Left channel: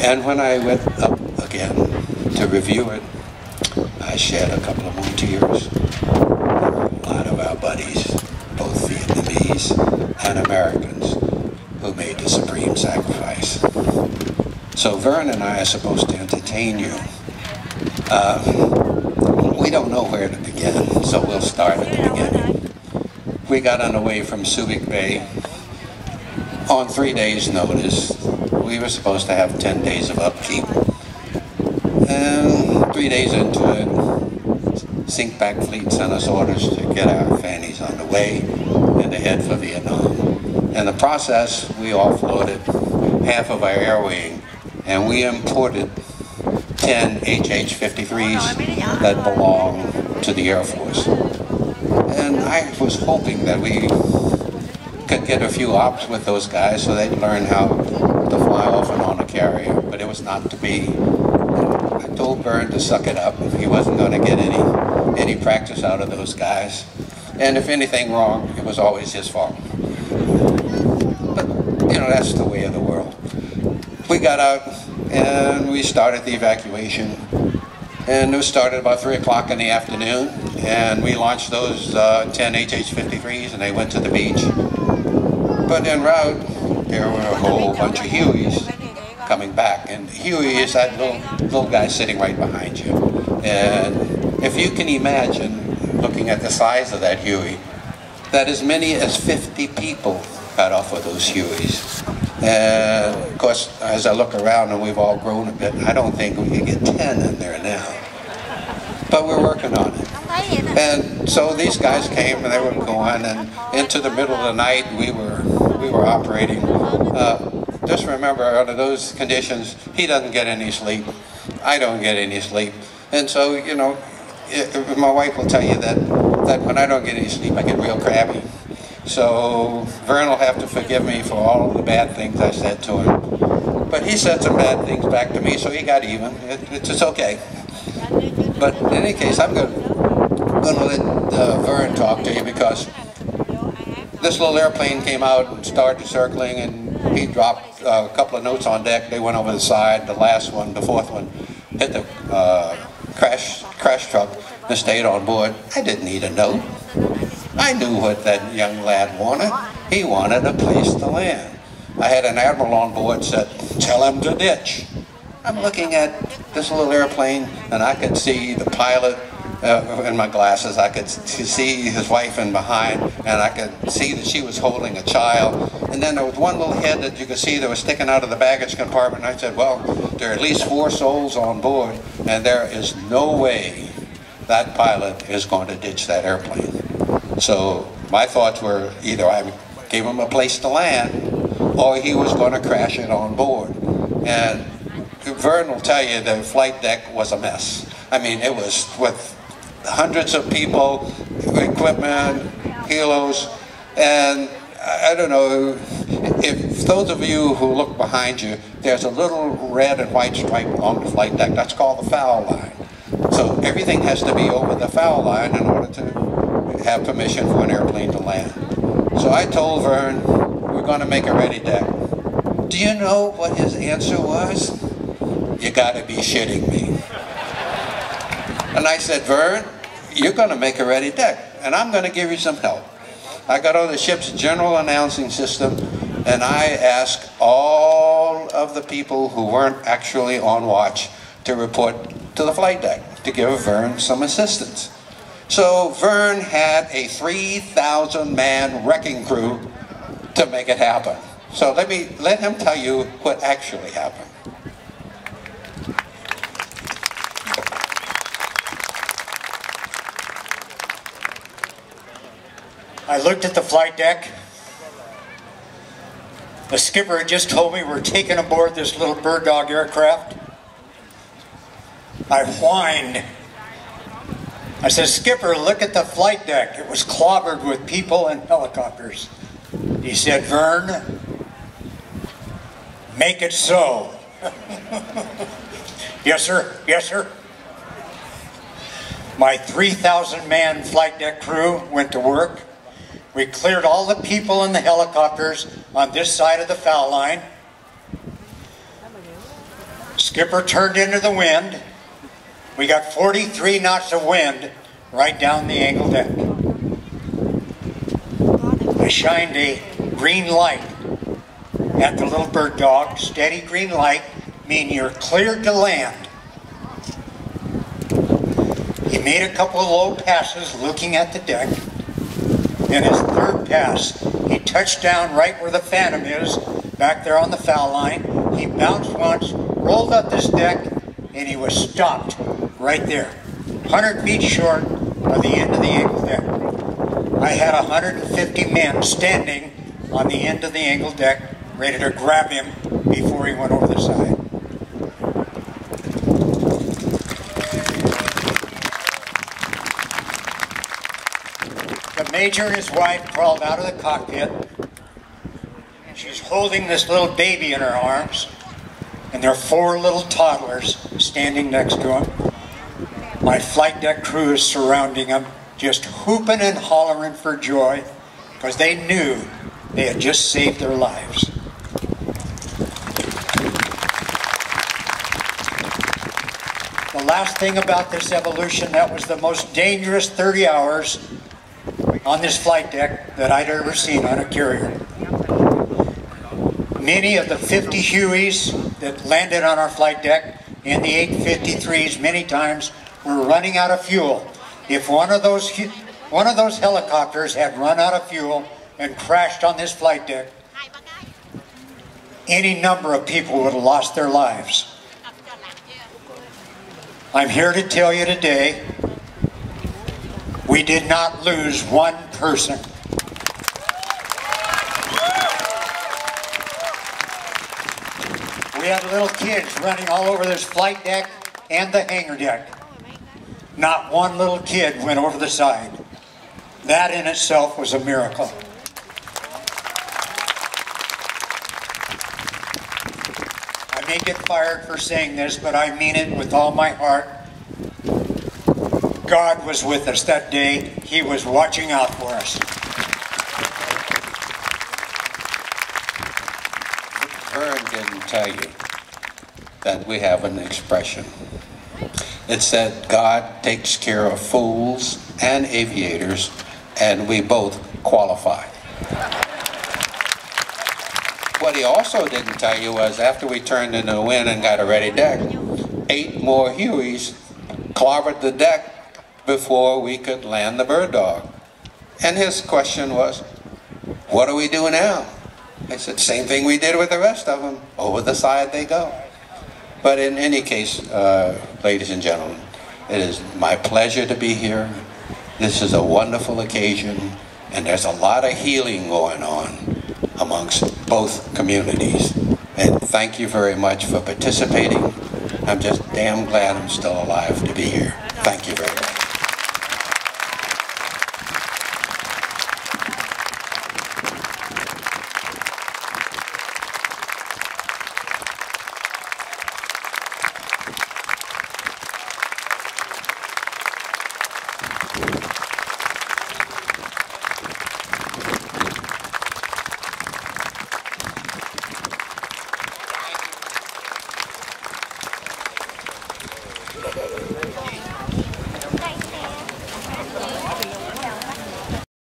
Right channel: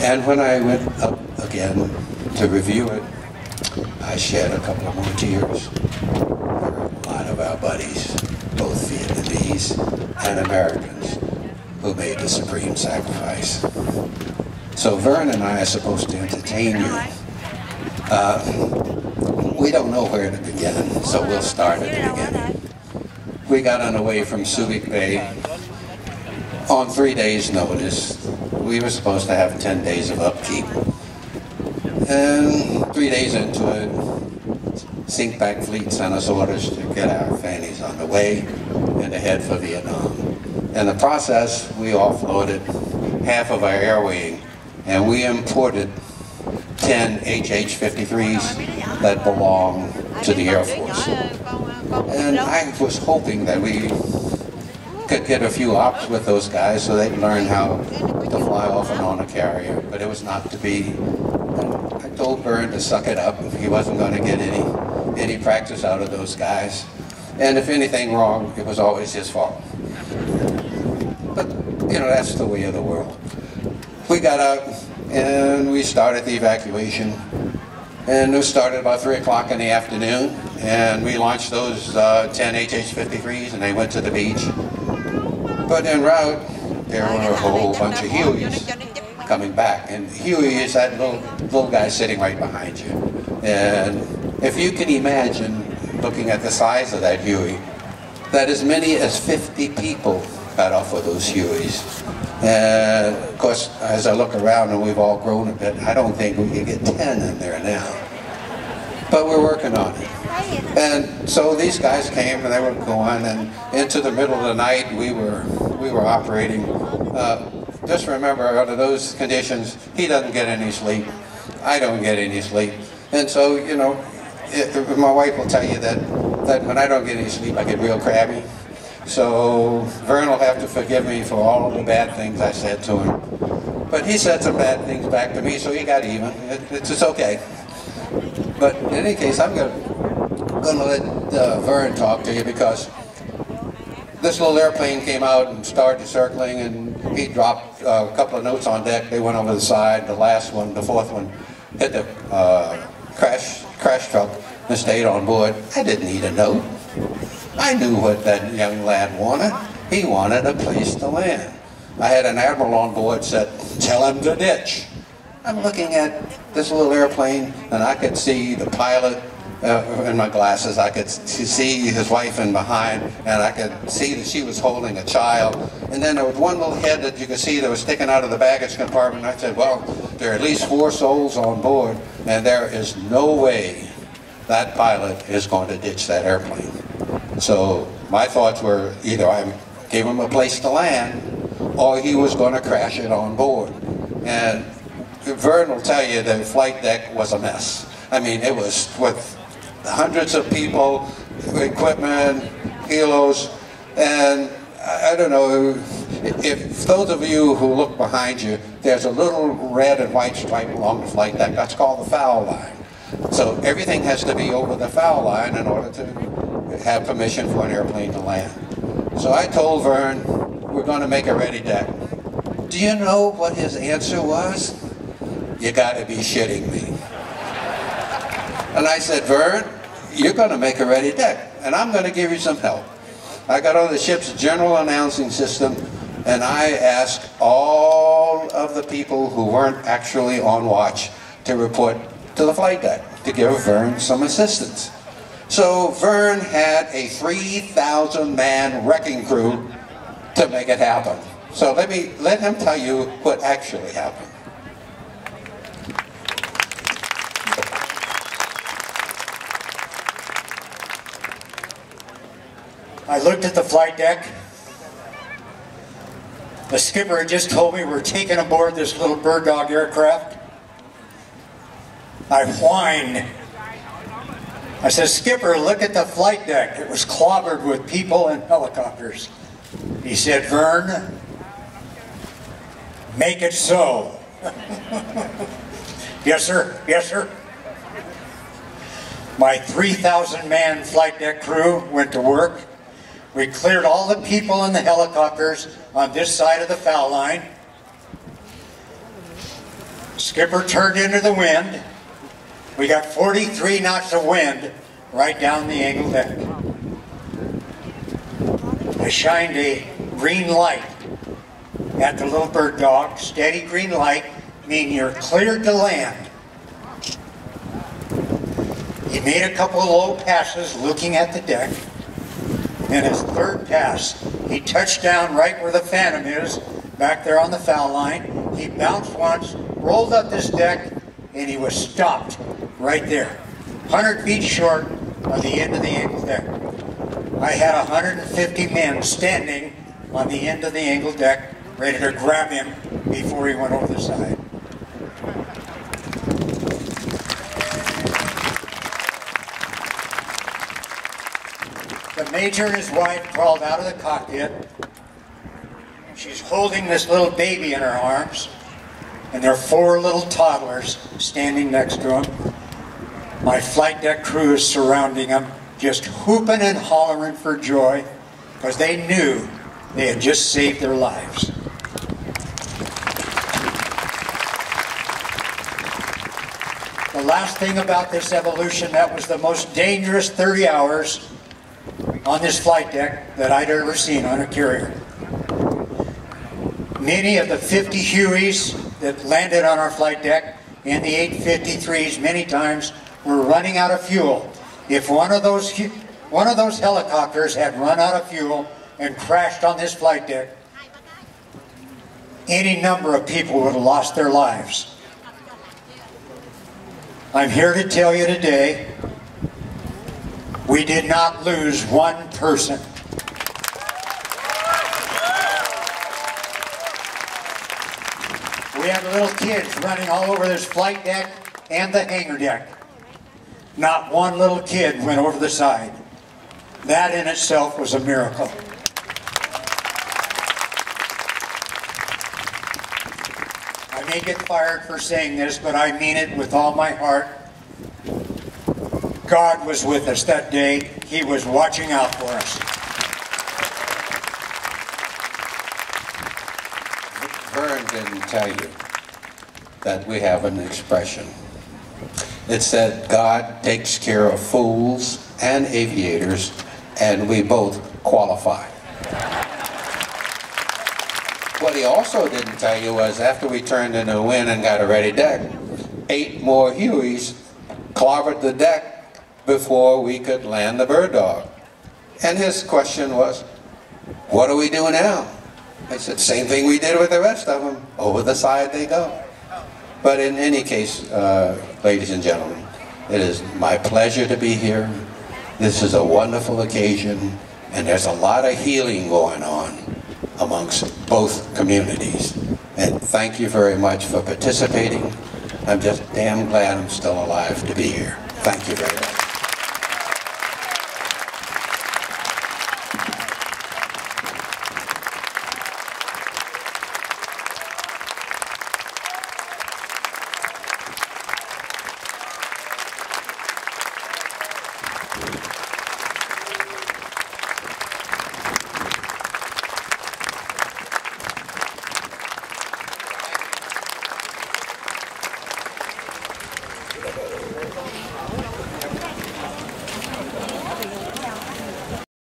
And when I went up again to review it, I shed a couple of more tears. There were a lot of our buddies, both Vietnamese and Americans, who made the supreme sacrifice. So Vern and I are supposed to entertain you. We don't know where to begin, so we'll start at the beginning. We got underway from Subic Bay on 3 days' notice. We were supposed to have 10 days of upkeep. And 3 days into it, Sink Back Fleet sent us orders to get our fannies on the way and to head for Vietnam. In the process, we offloaded half of our air wing, and we imported 10 HH-53s that belong to the Air Force. And I was hoping that we could get a few ops with those guys so they'd learn how to fly off and on a carrier, but it was not to be. I told Vern to suck it up. He wasn't going to get any practice out of those guys. And if anything wrong, it was always his fault. But, you know, that's the way of the world. We got out and we started the evacuation. And it started about 3 o'clock in the afternoon. And we launched those 10 HH-53s and they went to the beach. But en route, there were a whole bunch of Hueys coming back. And Huey is that little guy sitting right behind you. And if you can imagine, looking at the size of that Huey, that as many as 50 people got off of those Hueys. And of course, as I look around and we've all grown a bit, I don't think we can get 10 in there now. But we're working on it. And so these guys came and they were going, and into the middle of the night we were operating. Just remember, under those conditions, he doesn't get any sleep. I don't get any sleep. And so, you know, my wife will tell you that when I don't get any sleep, I get real crabby. So Vern will have to forgive me for all of the bad things I said to him. But he said some bad things back to me, so he got even. It's okay. But in any case, I'm going to let Vern talk to you, because this little airplane came out and started circling, and he dropped a couple of notes on deck. They went over the side. The last one, the fourth one, hit the crash truck and stayed on board. I didn't need a note. I knew what that young lad wanted. He wanted a place to land. I had an admiral on board said, "Tell him to ditch." I'm looking at this little airplane, and I could see the pilot in my glasses. I could see his wife in behind, and I could see that she was holding a child. And then there was one little head that you could see that was sticking out of the baggage compartment. I said, well, there are at least 4 souls on board, and there is no way that pilot is going to ditch that airplane. So my thoughts were either I gave him a place to land, or he was going to crash it on board. And Vern will tell you the flight deck was a mess. I mean, it was with hundreds of people, equipment, helos, and I don't know, if those of you who look behind you, there's a little red and white stripe along the flight deck. That's called the foul line. So everything has to be over the foul line in order to have permission for an airplane to land. So I told Vern, we're going to make a ready deck. Do you know what his answer was? You got to be shitting me. And I said, Vern, you're going to make a ready deck, and I'm going to give you some help. I got on the ship's general announcing system, and I asked all of the people who weren't actually on watch to report to the flight deck to give Vern some assistance. So Vern had a 3,000-man wrecking crew to make it happen. So let him tell you what actually happened. I looked at the flight deck. The skipper had just told me we're taking aboard this little bird dog aircraft. I whined. I said, Skipper, look at the flight deck. It was clobbered with people and helicopters. He said, Vern, make it so. Yes, sir. Yes, sir. My 3,000-man flight deck crew went to work. We cleared all the people in the helicopters on this side of the foul line. Skipper turned into the wind. We got 43 knots of wind right down the angle deck. I shined a green light at the little bird dog. Steady green light, meaning you're cleared to land. He made a couple of low passes looking at the deck. In his third pass, he touched down right where the Phantom is, back there on the foul line. He bounced once, rolled up this deck, and he was stopped right there, 100 feet short of the end of the angle deck. I had 150 men standing on the end of the angle deck, ready to grab him before he went over the side. The Major and his wife crawled out of the cockpit. She's holding this little baby in her arms, and there are 4 little toddlers standing next to him. My flight deck crew is surrounding them, just whooping and hollering for joy, because they knew they had just saved their lives. The last thing about this evolution, that was the most dangerous 30 hours on this flight deck that I'd ever seen on a carrier. Many of the 50 Hueys that landed on our flight deck and the 853s many times were running out of fuel. If one of those helicopters had run out of fuel and crashed on this flight deck, any number of people would have lost their lives. I'm here to tell you today, we did not lose one person. We had little kids running all over this flight deck and the hangar deck. Not one little kid went over the side. That in itself was a miracle. I may get fired for saying this, but I mean it with all my heart. God was with us that day. He was watching out for us. Vern didn't tell you that we have an expression. It said, God takes care of fools and aviators, and we both qualify. What he also didn't tell you was after we turned into the wind and got a ready deck, 8 more Hueys clobbered the deck before we could land the bird dog. And his question was, what do we do now? I said, same thing we did with the rest of them. Over the side they go. But in any case, ladies and gentlemen, it is my pleasure to be here. This is a wonderful occasion, and there's a lot of healing going on amongst both communities. And thank you very much for participating. I'm just damn glad I'm still alive to be here. Thank you very much.